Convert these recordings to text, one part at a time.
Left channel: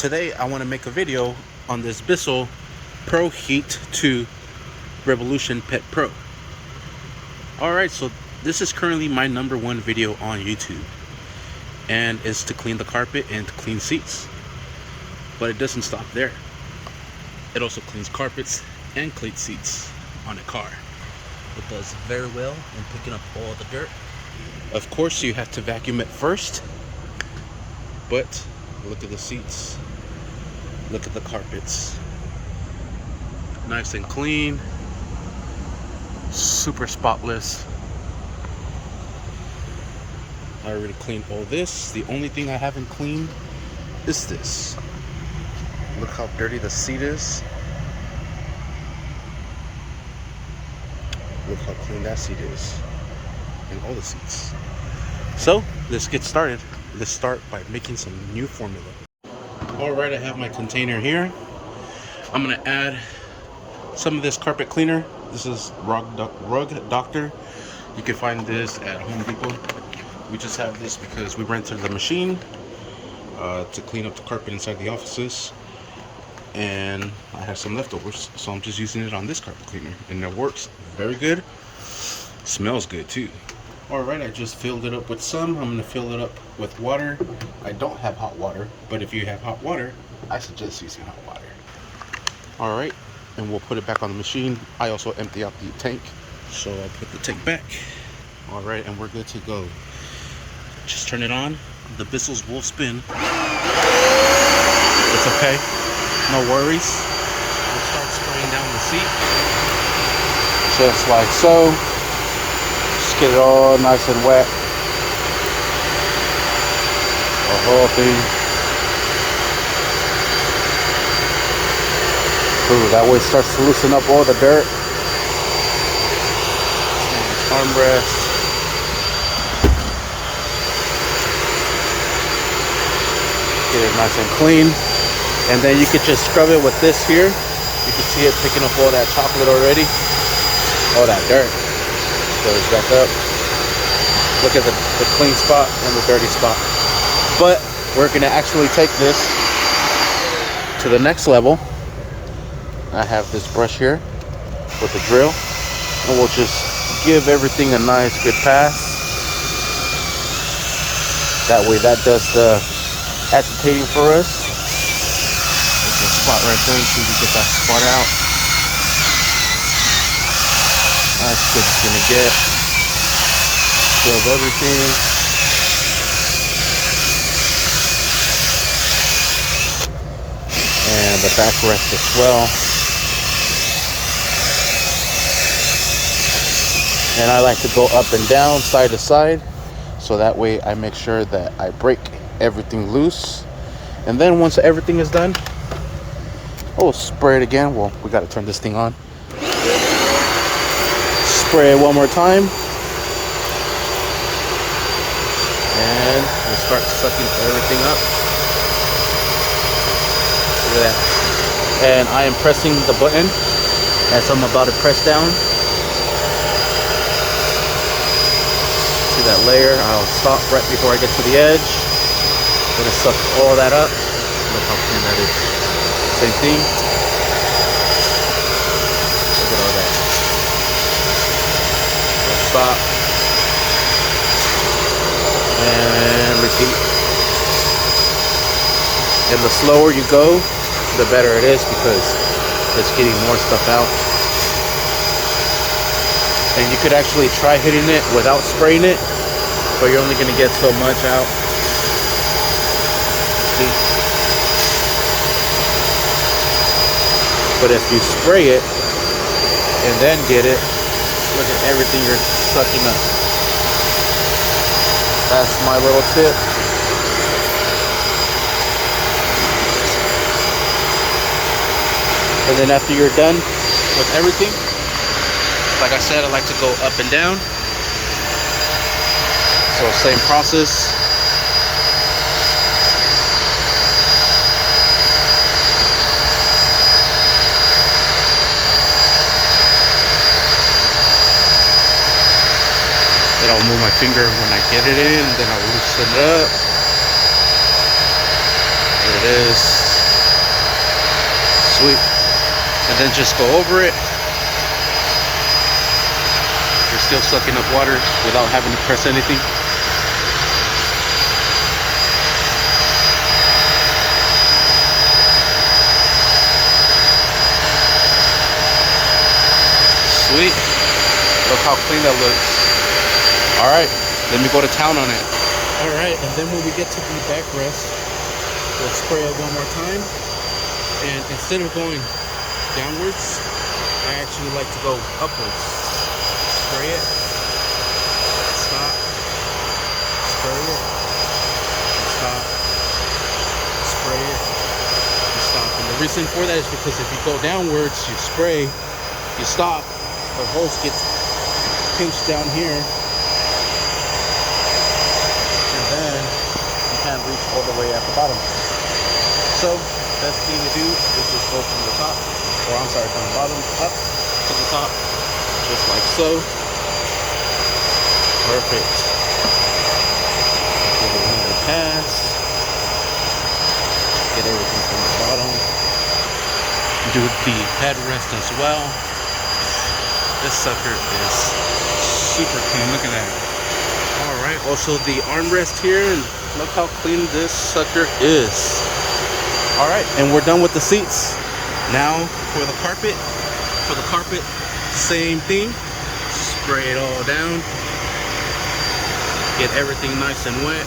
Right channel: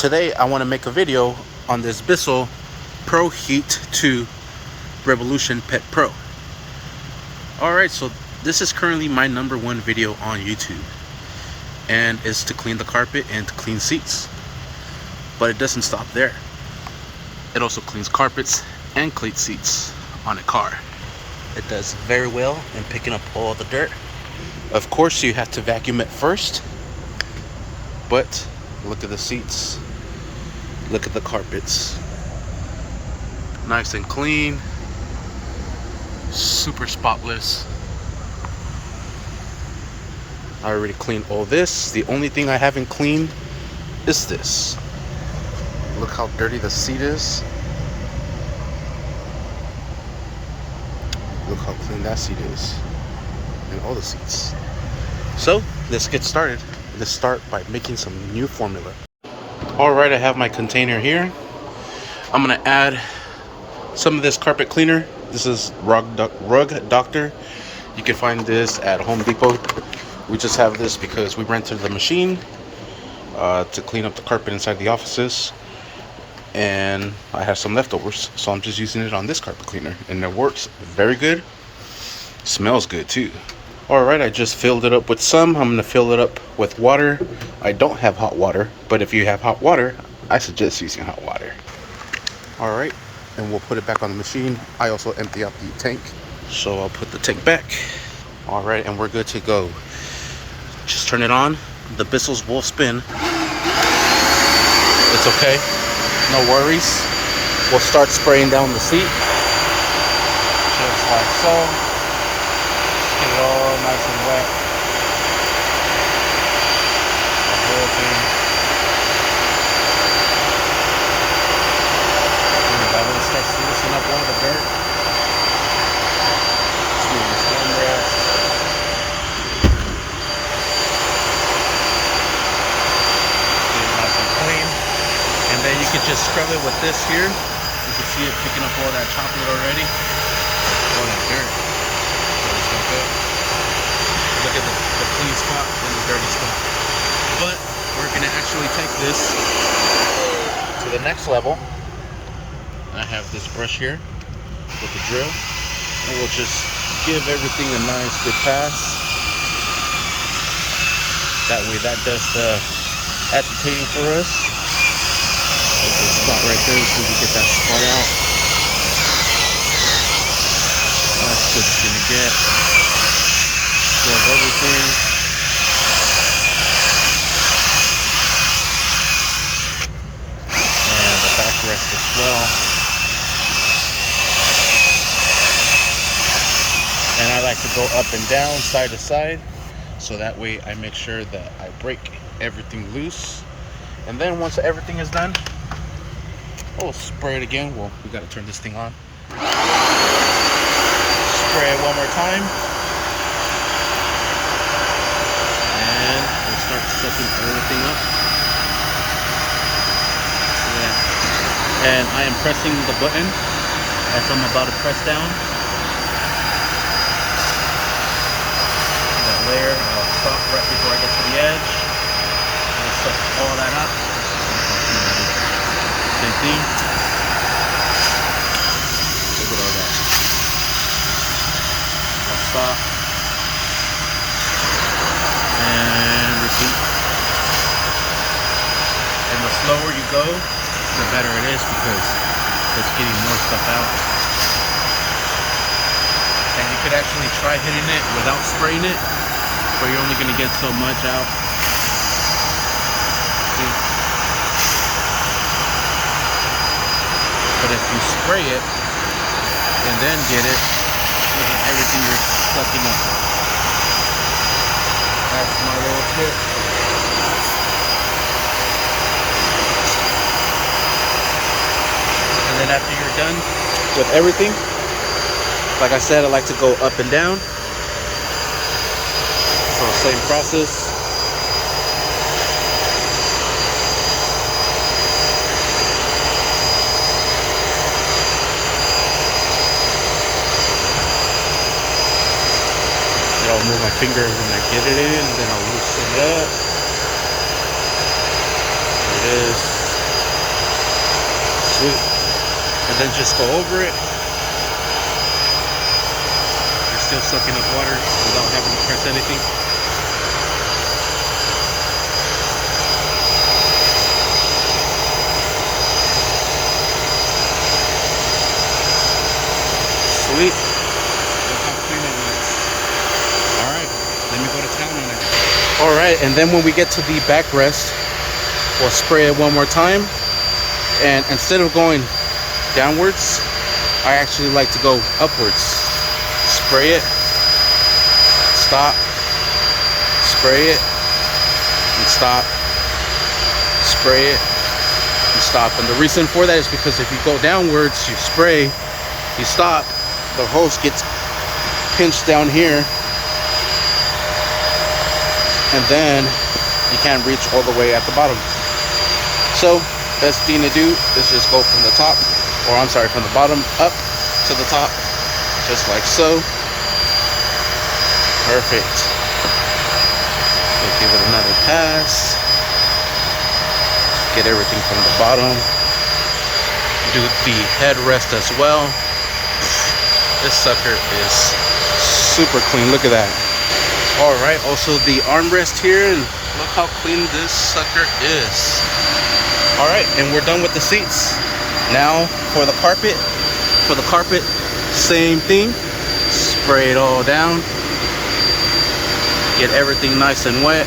Today I want to make a video on this Bissell Pro Heat 2 Revolution Pet Pro. Alright, so this is currently my #1 video on YouTube, and it's to clean the carpet and to clean seats. But it doesn't stop there. It also cleans carpets and cleans seats on a car. It does very well in picking up all the dirt. Of course, you have to vacuum it first, but look at the seats, look at the carpets, nice and clean, super spotless. I already cleaned all this. The only thing I haven't cleaned is this. Look how dirty the seat is. Look how clean that seat is, and all the seats. So let's get started. Let's start by making some new formula. Alright, I have my container here. I'm gonna add some of this carpet cleaner. This is Rug Doctor. You can find this at Home Depot. We just have this because we rented the machine to clean up the carpet inside the offices, and I have some leftovers, so I'm just using it on this carpet cleaner, and it works very good. Smells good too. Alright, I just filled it up with some. I'm gonna fill it up with water. I don't have hot water, but if you have hot water, I suggest using hot water. Alright, and we'll put it back on the machine. I also empty out the tank, so I'll put the tank back. Alright, and we're good to go. Just turn it on. The Bissells will spin. It's okay, no worries. We'll start spraying down the seat, just like so. Just get it all nice and wet. The whole thing. Ooh, that way it starts to loosen up all the dirt. Let's move this armrest. Get it nice and clean. And then you could just scrub it with this here. You can see it picking up all that chocolate already. All that dirt. Goes back up. Look at the clean spot and the dirty spot. But we're gonna actually take this to the next level. I have this brush here with the drill, and we'll just give everything a nice good pass. That way that does the agitating for us. Spot right there, so we get that spot out. That's what it's gonna get. Grab everything. And the backrest as well. And I like to go up and down, side to side, so that way I make sure that I break everything loose. And then once everything is done, oh, spray it again. Well, we got to turn this thing on. Spray it one more time, and we'll start sucking everything up. Look at that. And I am pressing the button as I'm about to press down. See that layer? I'll stop right before I get to the edge. Gonna suck all that up. Look how clean that is. Same thing. Look at all that. Stop. And repeat. And the slower you go, the better it is, because it's getting more stuff out. And you could actually try hitting it without spraying it, but you're only gonna get so much out. See? But if you spray it and then get it, look at everything you're sucking up. That's my little tip. And then after you're done with everything, like I said, I like to go up and down. So same process. And I'll move my finger when I get it in, and then I'll loosen it up. There it is. Sweet. And then just go over it. You're still sucking up water without having to press anything. Sweet. Look how clean that looks. All right, let me go to town on it. All right, and then when we get to the backrest, we'll spray it one more time. And instead of going downwards, I actually like to go upwards. Spray it, stop, spray it, and stop, spray it, and stop. And the reason for that is because if you go downwards, you spray, you stop, the hose gets pinched down here, and then you can't reach all the way at the bottom. So best thing to do is just go from the top, or I'm sorry, from the bottom up to the top, just like so. Perfect. We'll give it another pass. Get everything from the bottom. Do the headrest as well. This sucker is super clean. Look at that. All right, also the armrest here, and look how clean this sucker is. All right, and we're done with the seats. Now for the carpet. For the carpet, same thing. Spray it all down. Get everything nice and wet.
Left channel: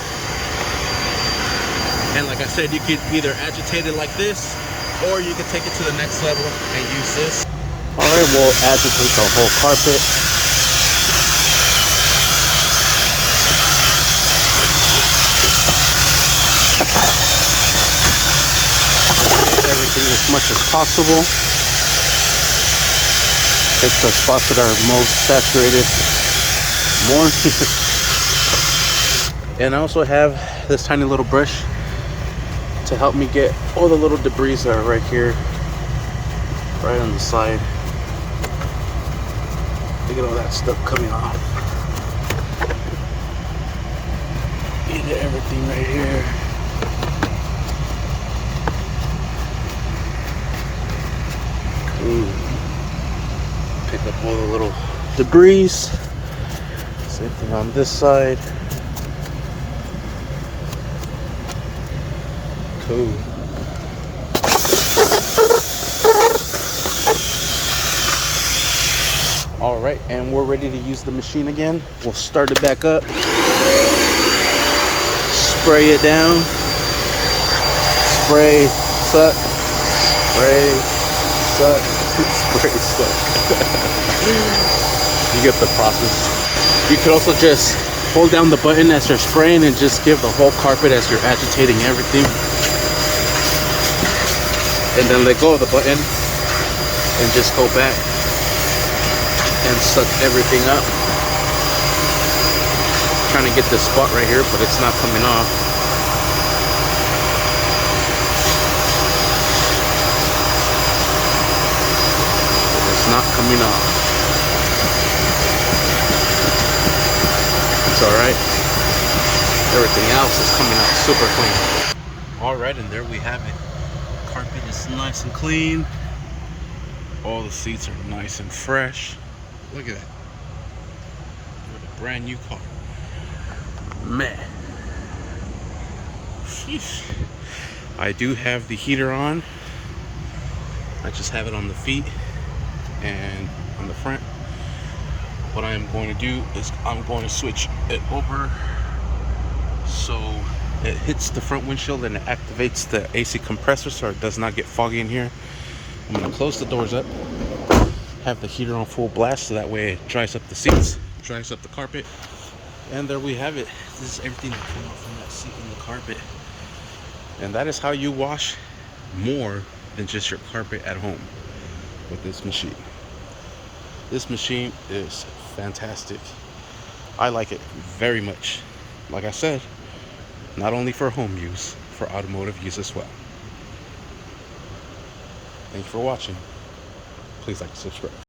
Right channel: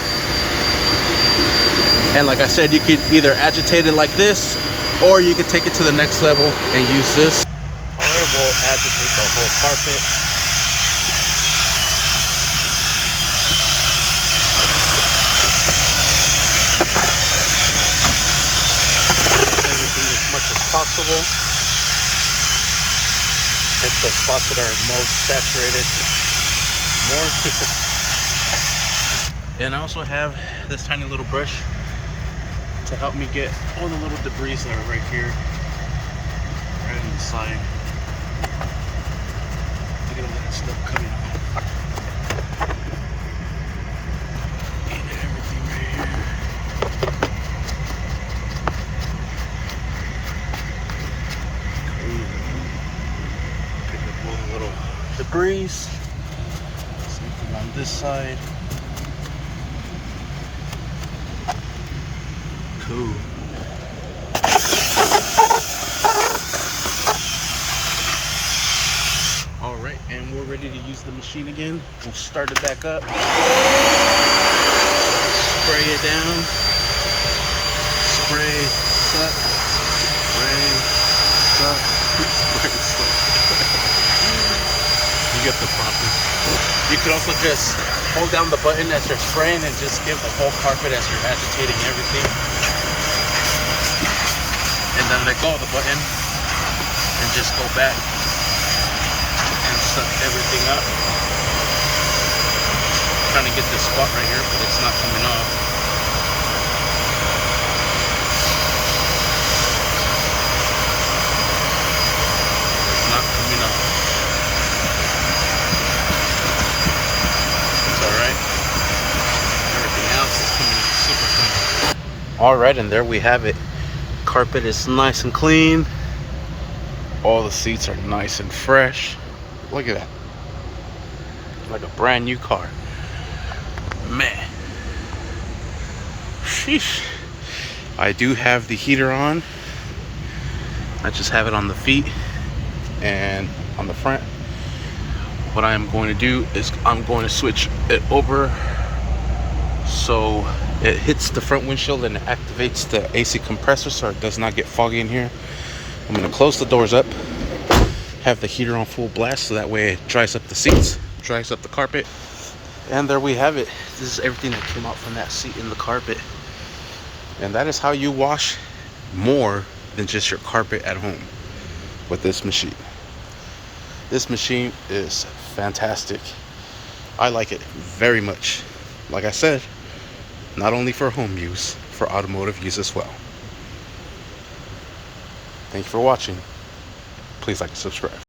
And like I said, you could either agitate it like this, or you could take it to the next level and use this. All right, we'll agitate the whole carpet. Everything as much as possible. Take the spots that are most saturated more. And I also have this tiny little brush to help me get all the little debris that are right here, right on the side. Look at all that stuff coming off. You get everything right here. Cool. Pick up all the little debris. Same thing on this side. Cool. All right, and we're ready to use the machine again. We'll start it back up. Spray it down. Spray, suck. Spray, suck. Spray, suck. You get the process. You could also just hold down the button as you're spraying and just give the whole carpet as you're agitating everything. And then let go of the button and just go back and suck everything up. I'm trying to get this spot right here, but it's not coming off. It's not coming off. It's alright. Everything else is coming out super clean. Alright, and there we have it. Carpet is nice and clean. All the seats are nice and fresh. Look at that. Like a brand new car. Man. Sheesh. I do have the heater on. I just have it on the feet and on the front. What I am going to do is I'm going to switch it over so it hits the front windshield and it activates the AC compressor so it does not get foggy in here. I'm going to close the doors up, have the heater on full blast so that way it dries up the seats, dries up the carpet. And there we have it. This is everything that came out from that seat in the carpet. And that is how you wash more than just your carpet at home with this machine. This machine is fantastic. I like it very much. Like I said, not only for home use, for automotive use as well. Thank you for watching. Please like and subscribe.